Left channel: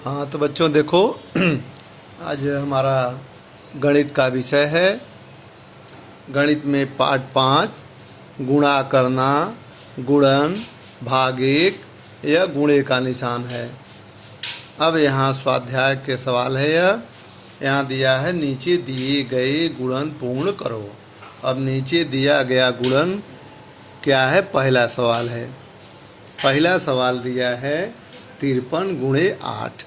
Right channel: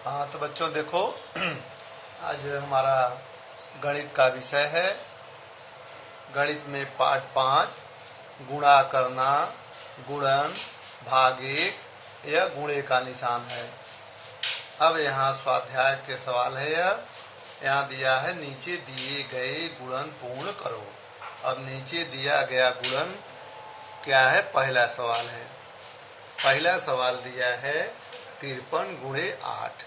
हाँ तो बच्चों देखो आज हमारा गणित का विषय है। गणित में पाठ 5 गुणा करना, गुणन, भागिक या गुणे का निशान है। अब यहाँ स्वाध्याय के सवाल है। यह यहाँ दिया है नीचे दिए गए गुणन पूर्ण करो। अब नीचे दिया गया गुणन क्या है? पहला सवाल है। पहला सवाल दिया है 53 गुणे 8।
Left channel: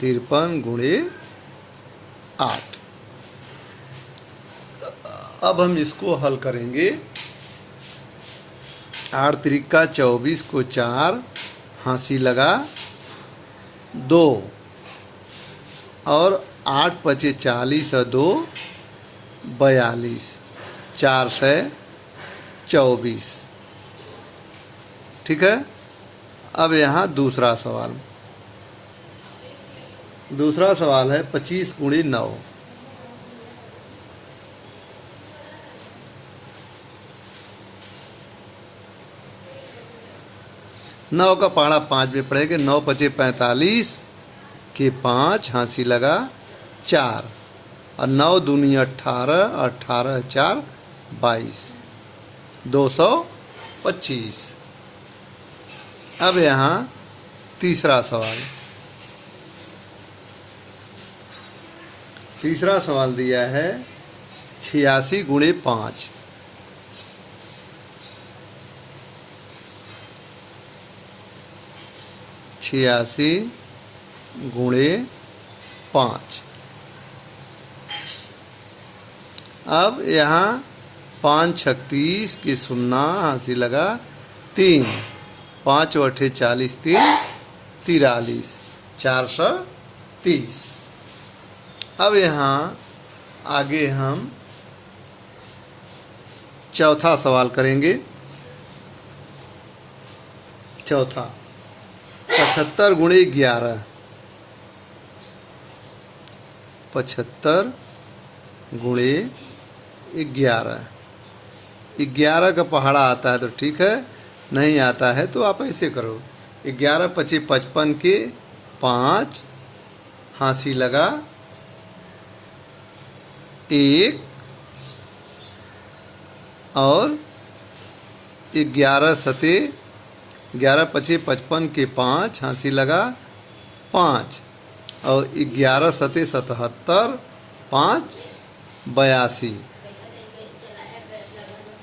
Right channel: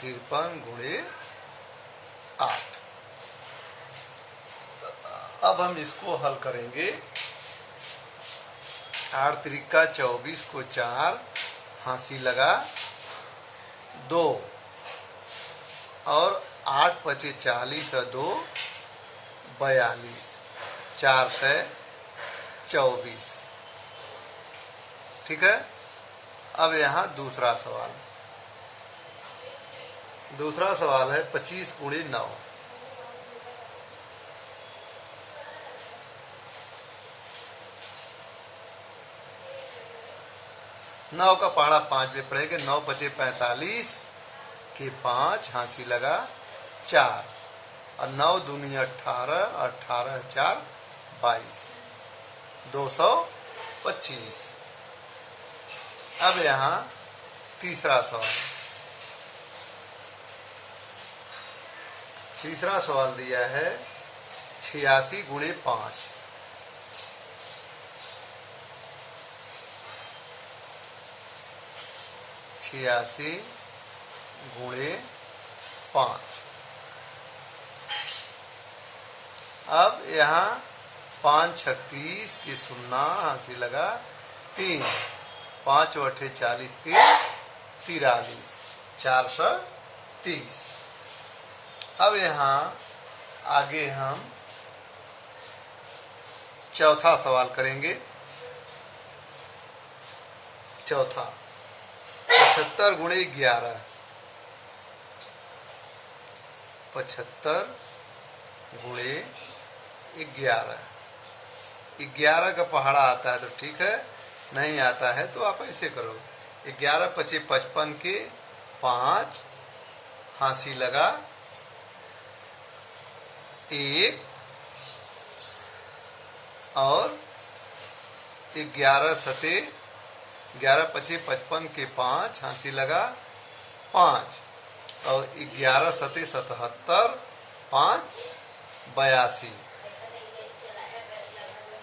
53 गुणे 8। अब हम इसको हल करेंगे। 8 त्रिका 24 को 4, हंसी लगा 2, और 8 पचे 40 और 2 42, 4 से 24। ठीक है। अब यहाँ दूसरा सवाल है 25 गुणे 9। 9 का पहाड़ा 5 में पड़ेगा। 9 पचे 45 के 5, हंसी लगा 4, और 9 दूनी 18, 18 4 22, 225। अब यहाँ तीसरा सवाल दिया है 86 गुणे 5। 86 गुणे 5। अब यहाँ 5 36 के 0, हंसी लगा 3, 5 8 40 3 43, 430। अब यहाँ आगे हम चौथा सवाल करेंगे। चौथा 75 गुणे 11। 75 गुणे 11। 11 का पहाड़ा आता है तो ठीक है, नहीं आता है तो आप ऐसे करो। 11 पचे 55 के 5, हंसी लगा 1, और 11 सते 11 पचे 55 के 5, हंसी लगा 5, और 11 सते 77, 5 82,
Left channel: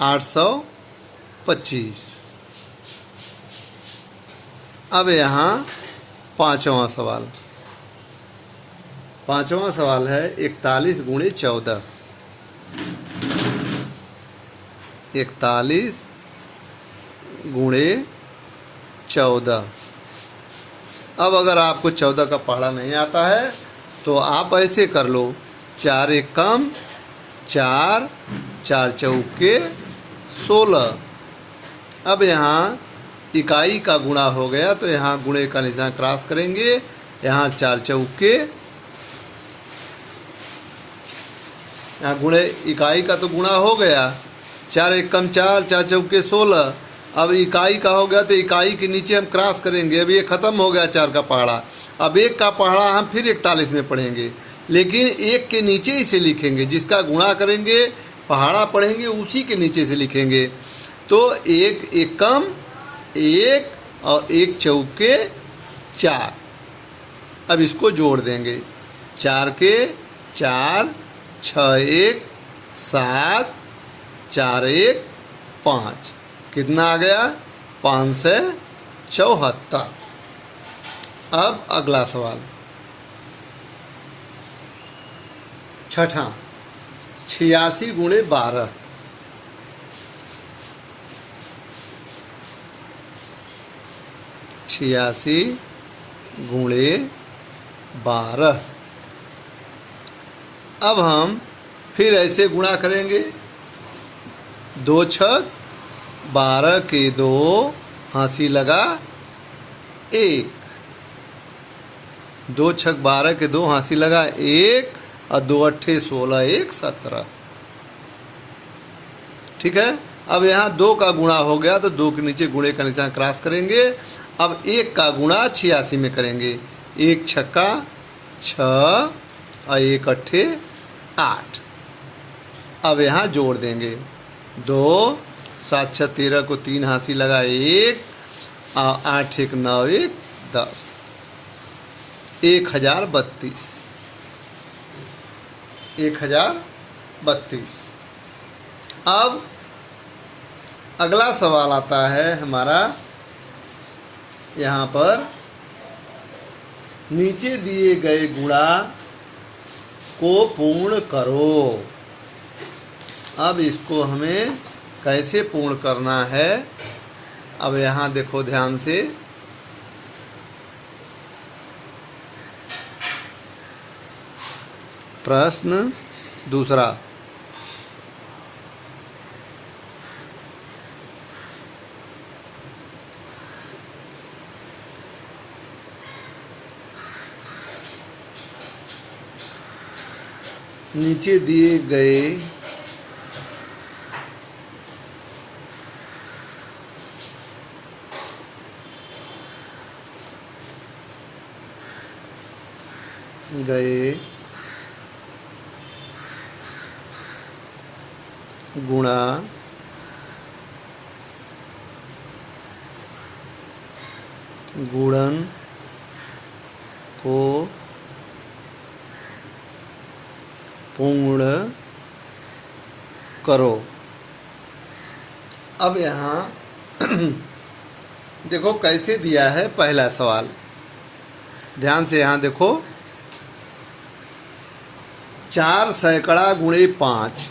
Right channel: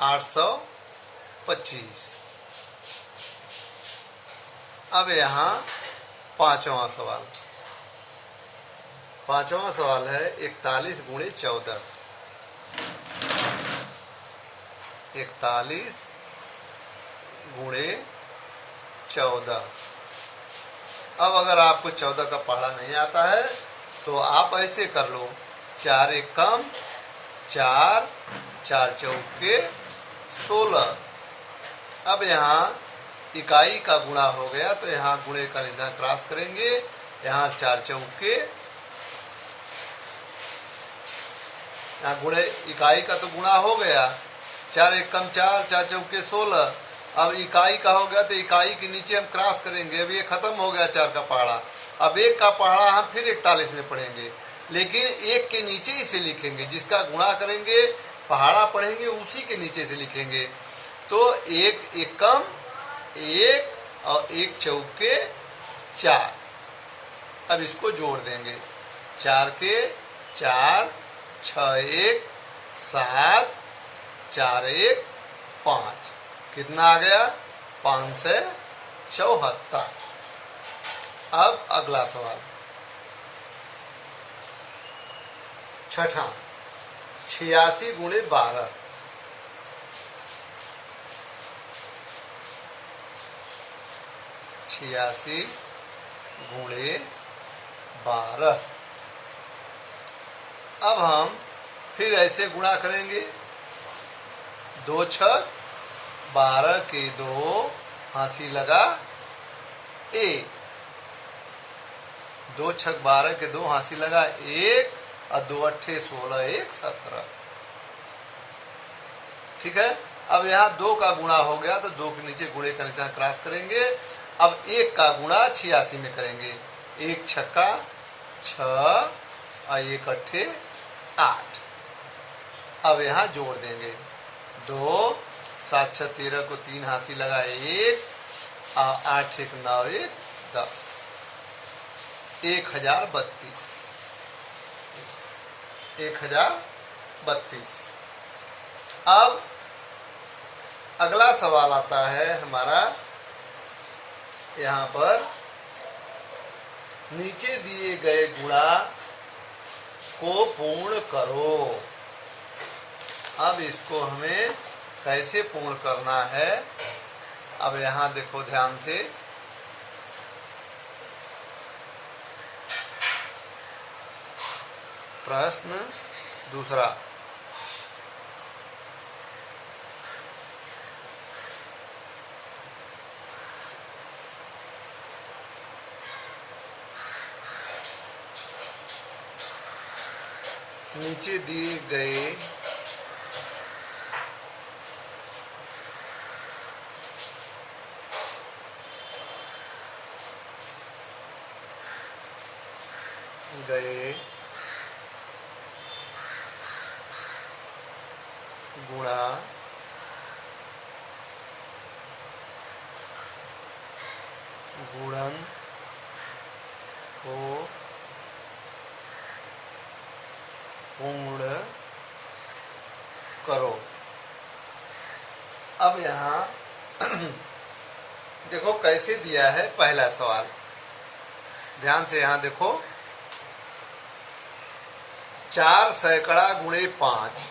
825। अब यहाँ पांचवा सवाल है 41 गुणे 14। 41 गुणे 14। अब अगर आपको 14 का पहाड़ा नहीं आता है तो आप ऐसे कर लो। 4 एक कम 4, 4 चौके 16। अब यहाँ इकाई का गुणा हो गया तो यहाँ गुणे का निशान क्रॉस करेंगे। यहाँ 4 चौके, यहाँ गुणे इकाई का तो गुणा हो गया। 4 एक कम 4, 4 चौके 16। अब इकाई का हो गया तो इकाई के नीचे हम क्रॉस करेंगे। अब ये खत्म हो गया 4 का पहाड़ा। अब 1 का पहाड़ा हम फिर 41 में पढ़ेंगे, लेकिन 1 के नीचे इसे लिखेंगे। जिसका गुणा करेंगे पहाड़ा पढ़ेंगे उसी के नीचे से लिखेंगे। तो 1 एक कम 1 और 1 चौके 4। अब इसको जोड़ देंगे। 4 के 4, 6 1 7, 4 1 5। कितना आ गया? 574। अब अगला सवाल छठा 86 गुणे 12। 86 गुणे 12। अब हम फिर ऐसे गुणा करेंगे। 2 छक 12 के 2, हंसी लगा 1। 2 छक 12 के 2, हंसी लगा 1, और 2 अट्ठे 16, 1 17। ठीक है। अब यहाँ 2 का गुणा हो गया तो 2 के नीचे गुणे का निशान क्रॉस करेंगे। अब 1 का गुणा 86 में करेंगे। 1 छक्का 6 और 1 अट्ठे 8। अब यहाँ जोड़ देंगे 2 7 6 13 को 3 हाथी लगा 1 और 8 1 9 1 10 1032। 1032। अब अगला सवाल आता है हमारा, यहाँ पर नीचे दिए गए गुणा को पूर्ण करो। अब इसको हमें कैसे पूर्ण करना है, अब यहाँ देखो ध्यान से। प्रश्न दूसरा, नीचे दिए गए गुणा गुणन को पूर्ण करो। अब यहाँ देखो कैसे दिया है पहला सवाल, ध्यान से यहाँ देखो। 4 सैकड़ा गुणे 5,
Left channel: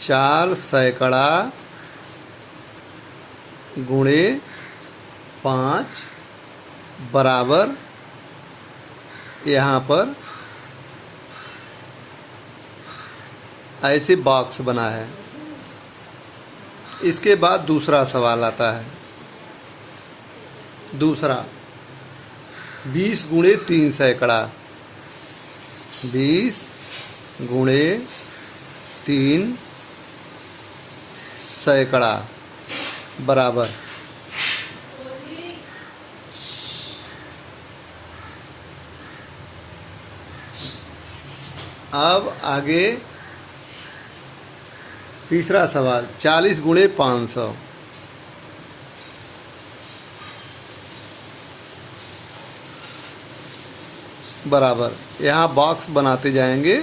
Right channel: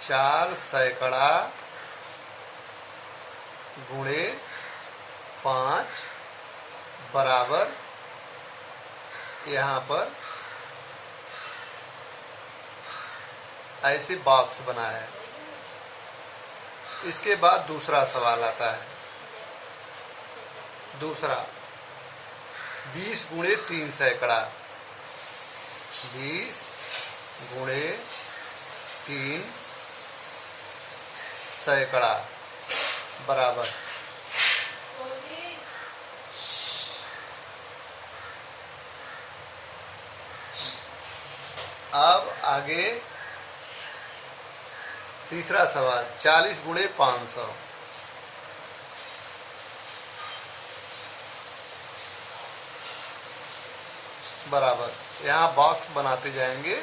4 सैकड़ा गुणे 5 बराबर, यहाँ पर ऐसे बॉक्स बना है। इसके बाद दूसरा सवाल आता है। दूसरा 20 गुणे 3 सैकड़ा, 20 गुणे 3 सैकड़ा बराबर, अब आगे तीसरा सवाल 40 गुणे 500, बराबर। यहाँ बॉक्स बनाते जाएंगे।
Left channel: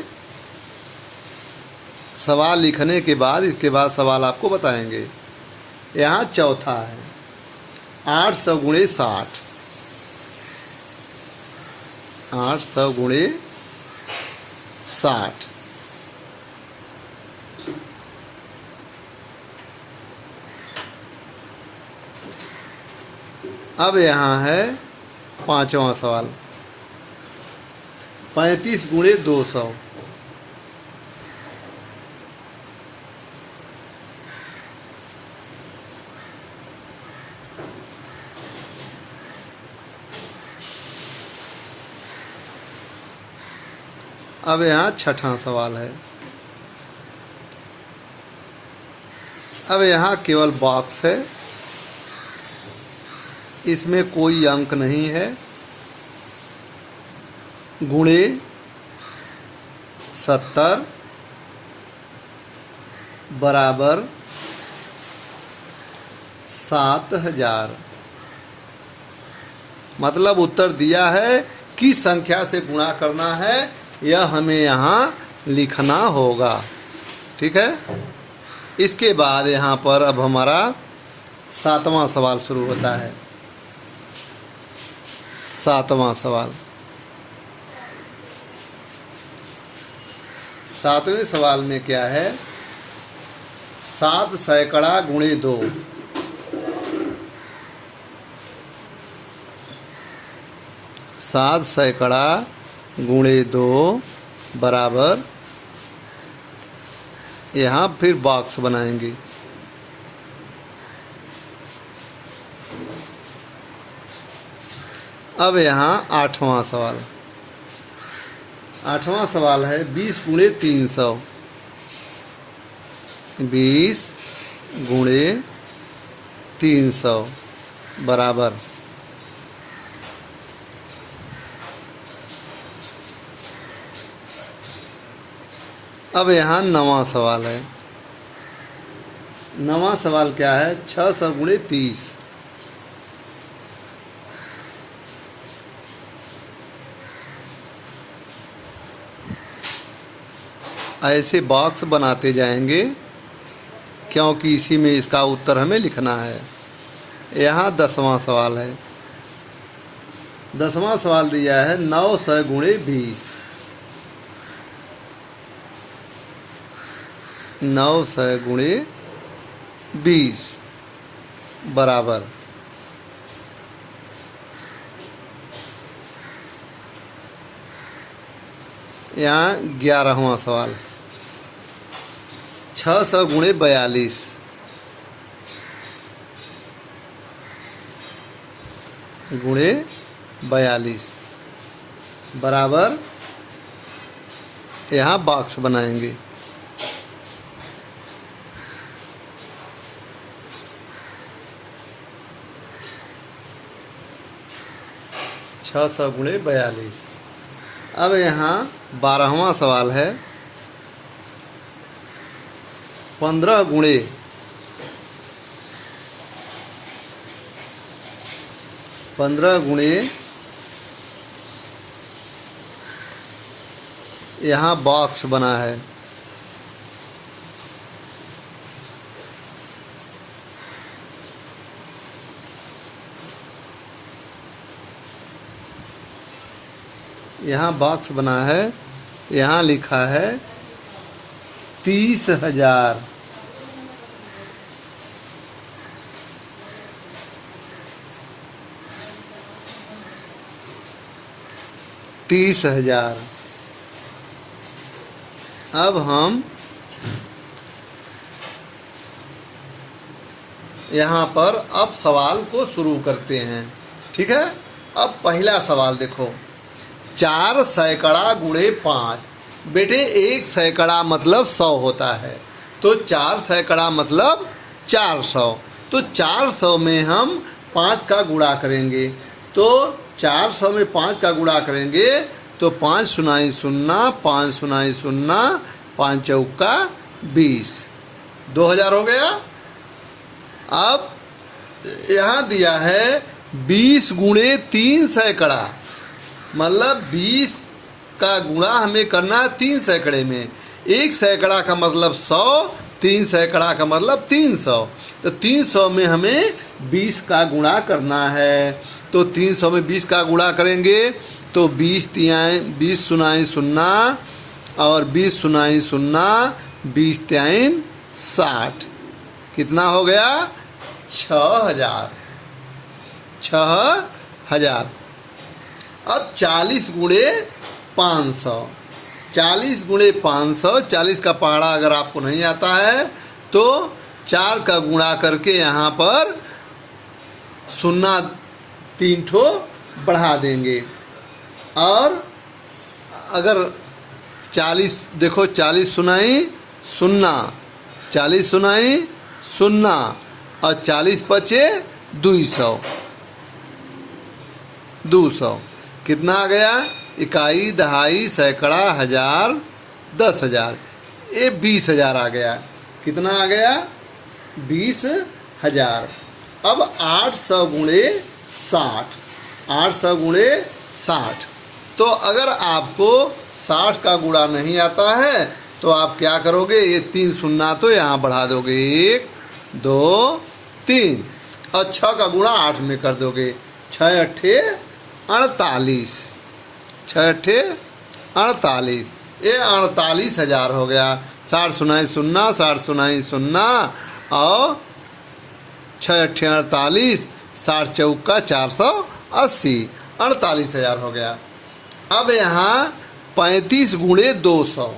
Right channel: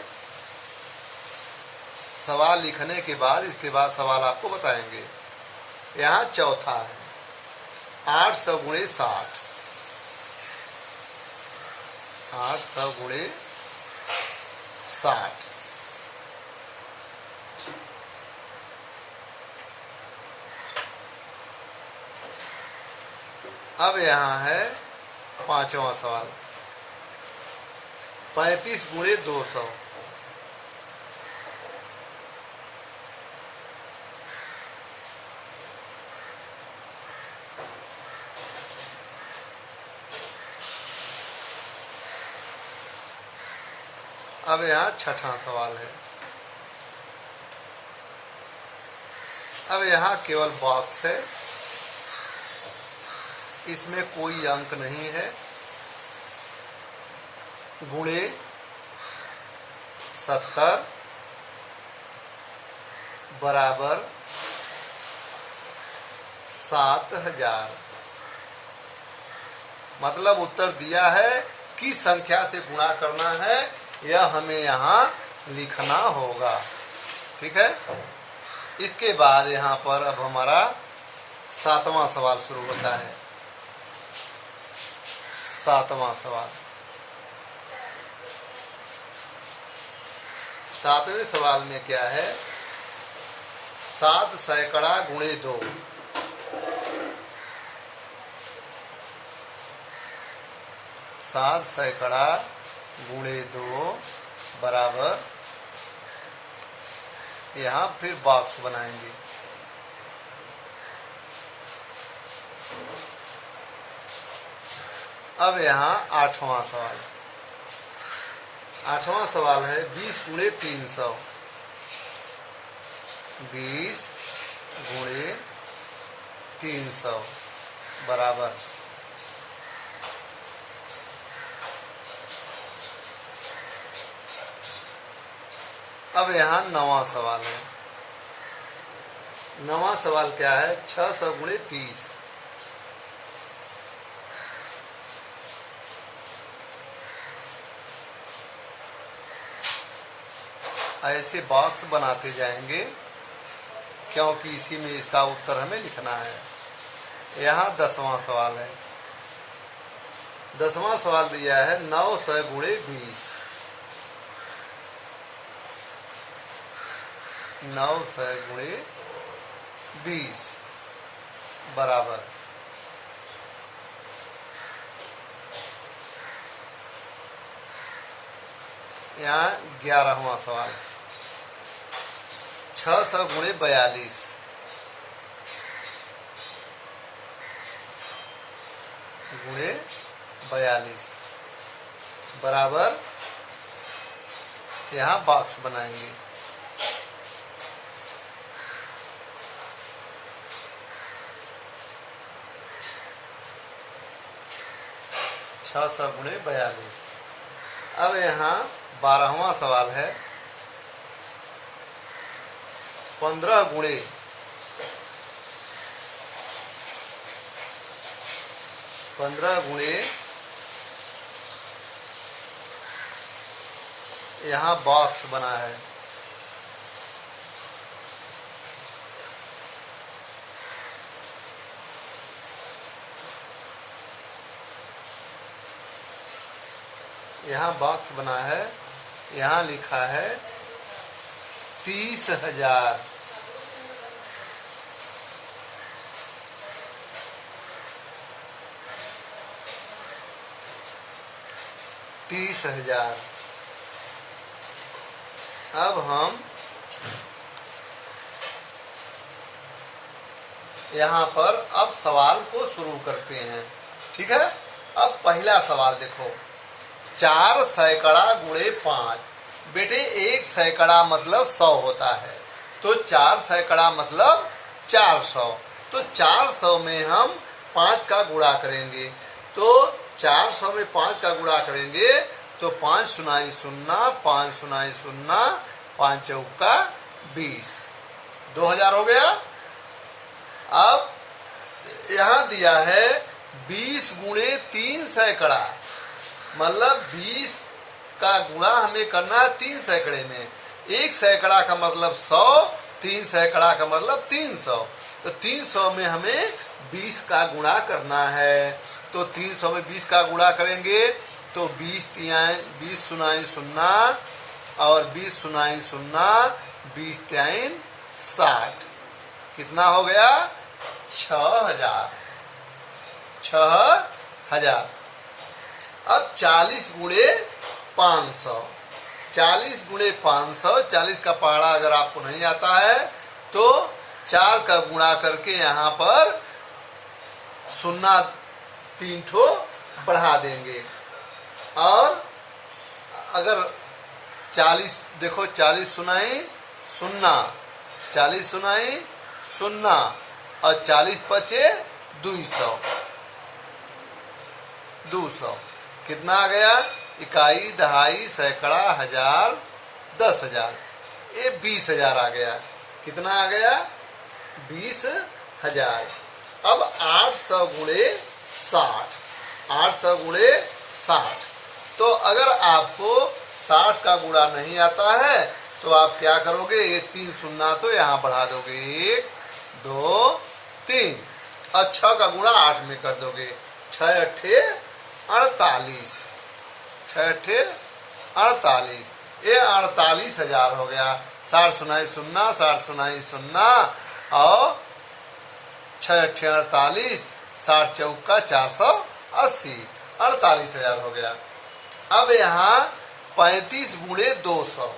सवाल लिखने के बाद इसके बाद सवाल आपको बताएंगे। यहाँ चौथा है 800 गुणे 60, 800 गुणे 60। अब यहाँ है पांचवा सवाल 35 गुणे 200, अब यहाँ छठा सवाल है। अब यहाँ केवल बॉक्स है, इसमें कोई अंक नहीं है। गुणे 70 बराबर 7000। मतलब उत्तर दिया है, किस संख्या से गुणा करना है यह हमें यहाँ लिखना होगा। ठीक है। इसके बाद यहाँ पर अब हमारा 7वां सवाल शुरू होता है। 7वां सवाल, 7वें सवाल में क्या है? 7 सैकड़ा गुणे 2, 7 सैकड़ा गुणे 2 बराबर, यहाँ फिर बॉक्स बनाएंगे। अब यहाँ 8वां सवाल, 8वां सवाल है 20 गुणे 300, 20 गुणे 300 बराबर। अब यहाँ 9वां सवाल है। 9वां सवाल क्या है? 600 गुणे 30। ऐसे बॉक्स बनाते जाएंगे क्योंकि इसी में इसका उत्तर हमें लिखना है। यहाँ 10वां सवाल है। 10वां सवाल दिया है 900 गुणे 20। 900 गुणे 20 बराबर। यहाँ 11वां सवाल 600 गुणे 42। गुणे 42 बराबर। यहाँ बॉक्स बनाएंगे। छः 600 गुणे 42। अब यहाँ 12वां सवाल है 15 गुणे 15 गुणे यहाँ बॉक्स बना है। यहाँ बॉक्स बना है। यहाँ लिखा है 30,000। अब हम यहाँ पर अब सवाल को शुरू करते हैं। ठीक है। अब पहला सवाल देखो, 4 सैकड़ा गुणे 5। बेटे 1 सैकड़ा मतलब 100 होता है, तो 4 सैकड़ा मतलब 400। तो 400 में हम 5 का गुणा करेंगे। तो 400 में 5 का गुणा करेंगे तो 5 सुनाई 0, 5 सुनाई 0, 5 चौका 20, 2000 हो गया। अब यहाँ दिया है 20 गुणे 3 सैकड़ा, मतलब 20 का गुणा हमें करना है 3 सैकड़े में। 1 सैकड़ा का मतलब 100, 3 सैकड़ा का मतलब 300। तो 300 में हमें 20 का गुणा करना है। तो 300 में 20 का गुणा करेंगे तो 20 सुनाई 0 और 20 सुनाई 0, 20 3 60। कितना हो गया? 6000। 6000। अब 40 गुणे 500। 40 गुणे 500, 40 का पहाड़ा अगर आपको नहीं आता है तो 4 का गुणा करके यहाँ पर 0 3 ठो बढ़ा देंगे। और अगर 40 देखो, 40 सुनाई 0, 40 सुनाई 0 और 40 बचे 200। 200 कितना आ गया? इकाई, दहाई, सैकड़ा, हजार, 10,000। ये 20,000 आ गया। कितना आ गया? 20,000। अब 800 गुणे 60। 800 गुणे 60। तो अगर आपको 60 का गुणा नहीं आता है तो आप क्या करोगे? ये 3 शून्य तो यहाँ बढ़ा दोगे, 1 2 3, और 6 का गुणा 8 में कर दोगे। 6 अट्ठे 48। 6 अट्ठे 48। ये 48,000 हो गया। 60 सुनाई 0, 60 सुनाई 0 और 6 अट्ठे 48, 60 चौका 480, 48,000 हो गया। अब यहाँ 35 गुणे 200।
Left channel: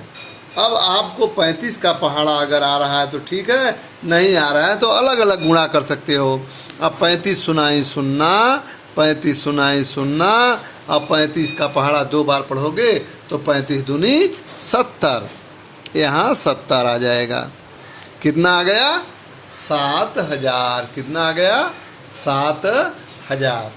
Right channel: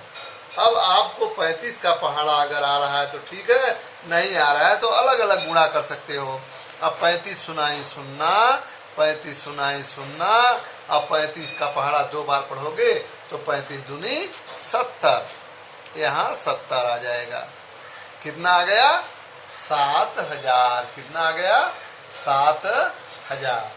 अब आपको 35 का पहाड़ा अगर आ रहा है तो ठीक है, नहीं आ रहा है तो अलग अलग गुणा कर सकते हो। अब 35 सुनाई 0, 35 सुनाई 0, अब 35 का पहाड़ा 2 बार पढ़ोगे तो 35 दूनी 70। यहाँ 70 आ जाएगा। कितना आ गया? 7,000। कितना आ गया? 7,000।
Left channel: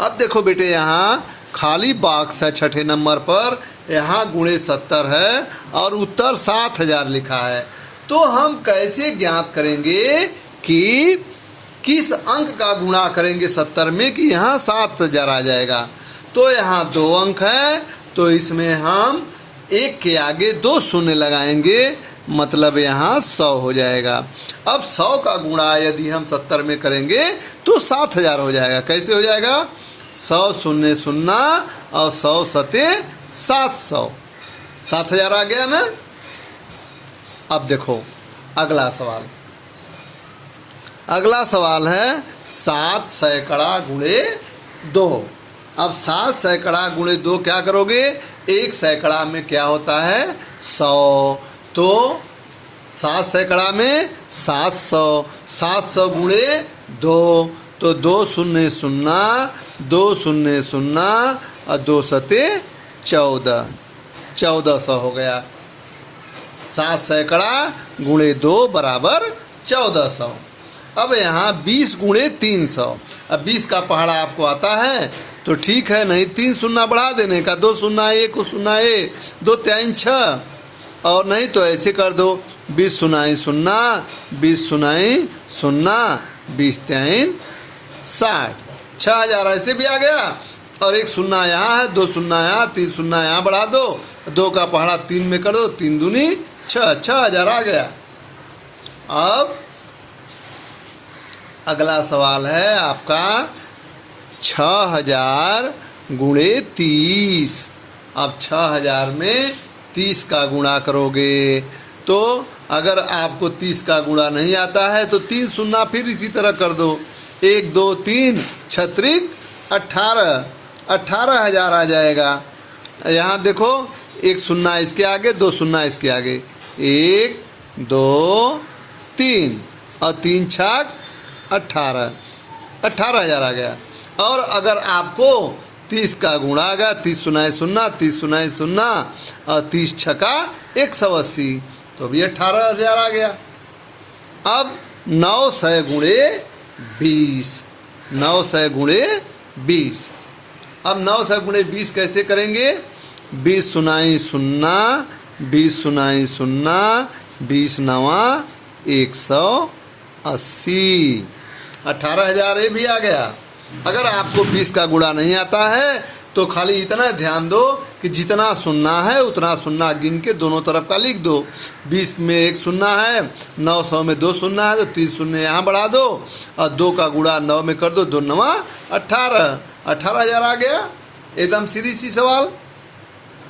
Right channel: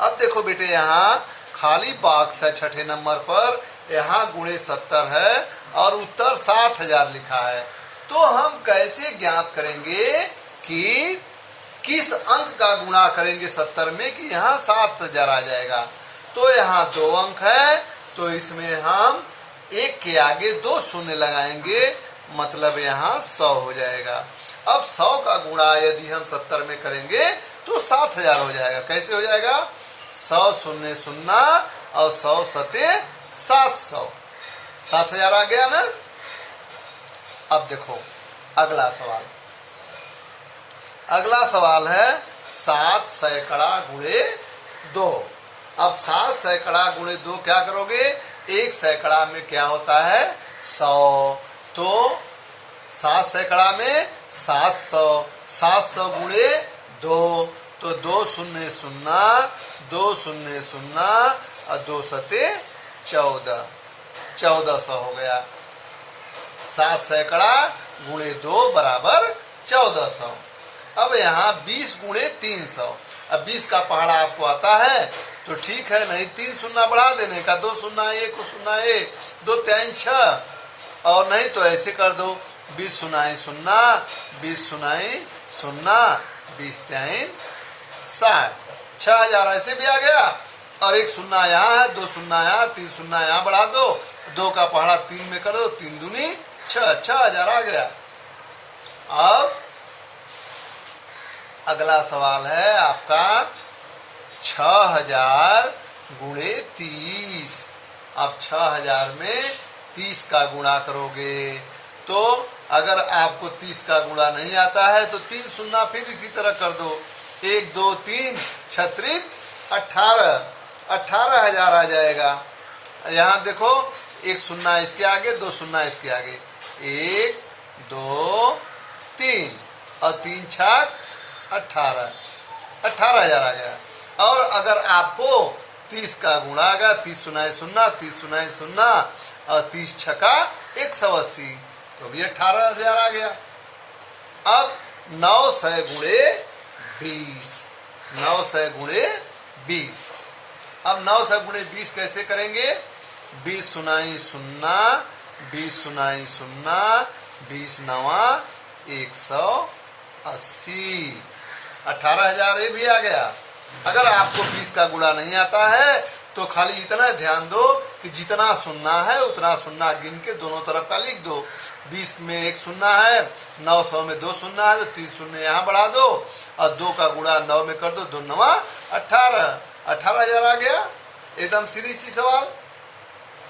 अब देखो बेटे, यहाँ खाली बॉक्स है छठे नंबर पर, यहाँ गुणे 70 है और उत्तर 7,000 लिखा है। तो हम कैसे ज्ञात करेंगे कि किस अंक का गुणा करेंगे 70 में कि यहाँ 7,000 आ जाएगा? तो यहाँ 2 अंक है, तो इसमें हम 1 के आगे 2 शून्य लगाएंगे, मतलब यहाँ 100 हो जाएगा। अब 100 का गुणा यदि हम 70 में करेंगे तो 7,000 हो जाएगा। कैसे हो जाएगा? 100 शून्य 0 और 100 सते 700, 7,000 आ गया ना। अब देखो अगला सवाल। अगला सवाल है 7 सैकड़ा गुणे 2। अब 7 सैकड़ा गुणे 2 क्या करोगे? 1 सैकड़ा में क्या होता है? 100। तो 7 सैकड़ा में 700, 700 गुणे 2, तो 2 शून्य 0, 2 शून्य 0 और 2 सते 14, 1400 हो गया। 7 सैकड़ा गुणे 2 बराबर 1400। अब यहाँ 20 गुणे 300। अब 20 का पहाड़ा आपको आता है तो ठीक है, नहीं 3 शून्य बढ़ा देने का, 2 शून्य 1 शून्य 1, 2 3 6, और नहीं तो ऐसे कर दो 20 शून्य 0, 20 शून्य 0, 20 3 60, 6,000 ऐसे भी आ गया। और 1 शून्य यहाँ है, 2 शून्य यहाँ, 3 शून्य यहाँ बढ़ा दो, 2 का पहाड़ा 3 में कर दो, 3 दूनी 6, 6,000 आ गया। अब अगला सवाल है आपका 6,000 गुणे 30। अब 6,000 में 30 का गुणा करोगे तो अगर आपको 30 का गुणा नहीं आता है तो 3 शून्य फिर इसी तरह कर दो, 1 2 3 छत्रिक 18, 18,000 आ जाएगा। यहाँ देखो 1 शून्य इसके आगे, 2 शून्य इसके आगे, 1 2 3 और 3 छक 18, 18,000 आ गया। और अगर आपको 30 का गुणा आ गया, 30 शून्य 0, 30 शून्य 0 और 30 छका 180, तो भी 18,000 आ गया। अब 900 गुणे 20, 900 गुणे 20। अब 900 गुणे 20 कैसे करेंगे? 20 शून्य 0, 20 शून्य 0, 20 9 180, 18,000 ये भी आ गया। अगर आपको 20 का गुणा नहीं आता है तो खाली इतना ध्यान दो कि जितना शून्य है उतना शून्य गिन के दोनों तरफ का लिख दो। 20 में 1 शून्य है, 900 में 2 शून्य है, तो 3 शून्य यहाँ बढ़ा दो और 2 का गुणा 9 में कर दो, 2 9 18, 18,000 आ गया। एकदम सीधी सी सवाल।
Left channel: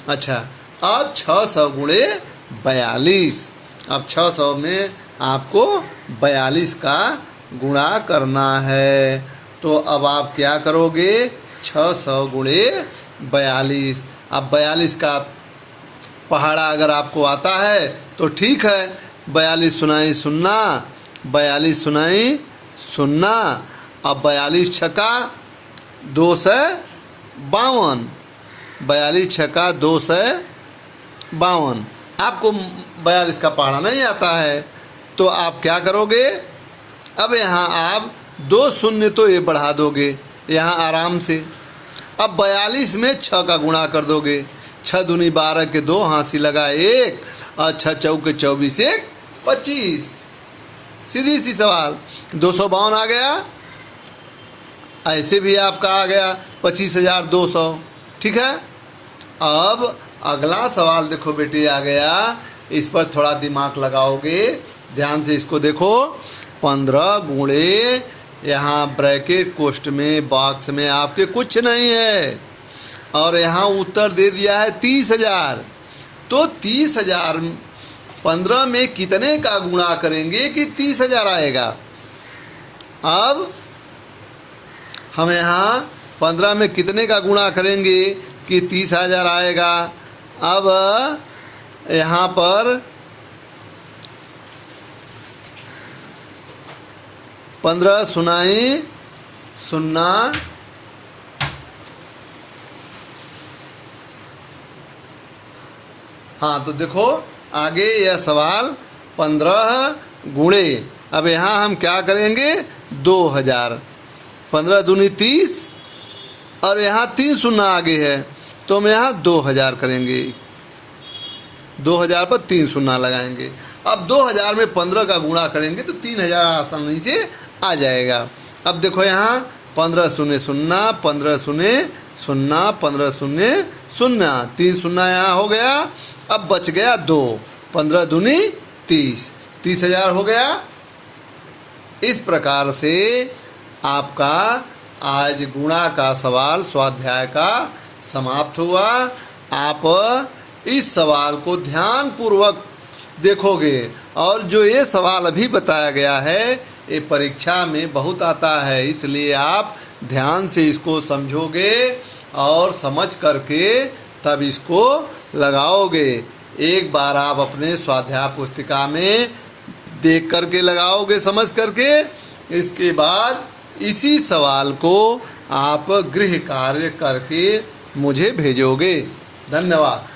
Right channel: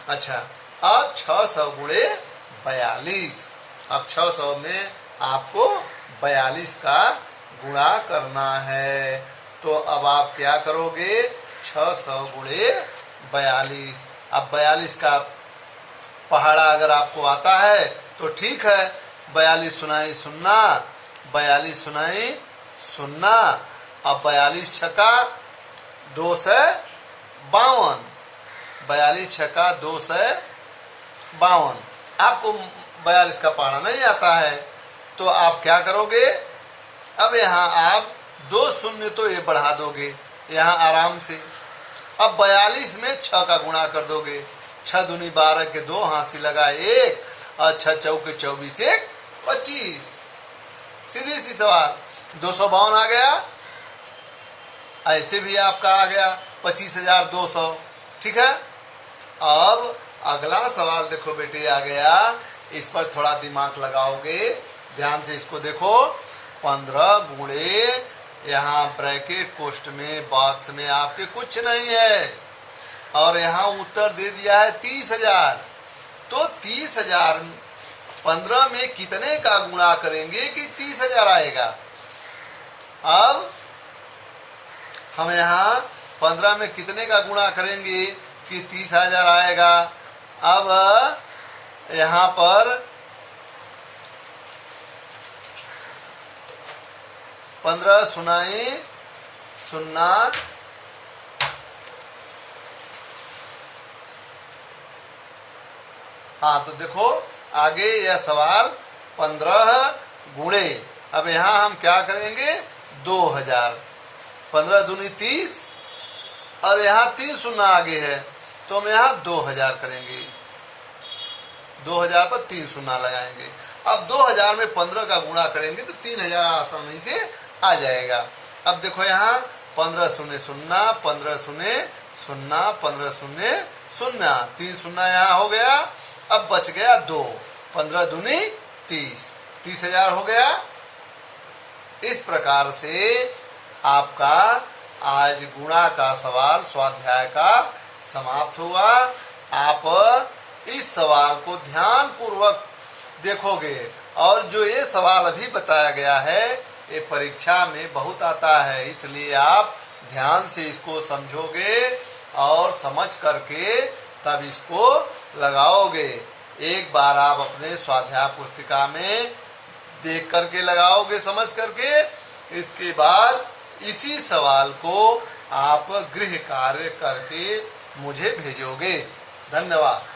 अच्छा, अब 600 गुणे 42। अब 600 में आपको 42 का गुणा करना है, तो अब आप क्या करोगे? 600 गुणे 42। अब 42 का पहाड़ा अगर आपको आता है तो ठीक है, 42 शून्य 0, 42 शून्य 0, अब 42 छक्का 252, 42 छक्का 252। आपको 42 का पहाड़ा नहीं आता है तो आप क्या करोगे? अब यहाँ आप 2 शून्य तो ये बढ़ा दोगे यहाँ आराम से। अब 42 में 6 का गुणा कर दोगे, 6 दूनी 12 के 2, हाँसी लगा 1 और 6 चौके 24 1 25। सीधी सी सवाल। 252 आ गया। ऐसे भी आपका आ गया 25,200। ठीक है। अब अगला सवाल देखो बेटे आ गया, इस पर थोड़ा दिमाग लगाओगे, ध्यान से इसको देखो। 15 गुणे यहाँ ब्रैकेट कोष्ट में बॉक्स में आपके कुछ नहीं है और यहाँ उत्तर दे दिया है 30,000। तो 30,000 15 में कितने का गुणा करेंगे कि 30,000 आएगा? अब हम यहाँ 15 में कितने का गुणा करेंगे कि 30,000 आएगा? अब यहाँ पर 15 शून्य 0, हाँ तो देखो आगे यह सवाल 15 गुणे, अब यहाँ हम क्या करेंगे 2000, 15 दूनी 30 और यहाँ 3 शून्य आगे है तो हम यहाँ 2000 करेंगे, 2000 पर 3 शून्य लगाएंगे। अब 2000 में 15 का गुणा करेंगे तो 3000 आसानी से आ जाएगा। अब देखो यहाँ 15 शून्य शून्य, 15 शून्य शून्य, 15 शून्य शून्य, 3 शून्य यहाँ हो गया। अब बच गया 2, 15 दूनी 30, 30,000 हो गया। इस प्रकार से आपका आज गुणा का सवाल स्वाध्याय का समाप्त हुआ। आप इस सवाल को ध्यान पूर्वक देखोगे और जो ये सवाल अभी बताया गया है ये परीक्षा में बहुत आता है, इसलिए आप ध्यान से इसको समझोगे और समझ करके तब इसको लगाओगे। एक बार आप अपने स्वाध्याय पुस्तिका में देख करके लगाओगे, समझ करके, इसके बाद इसी सवाल को आप गृह कार्य करके मुझे भेजोगे। धन्यवाद।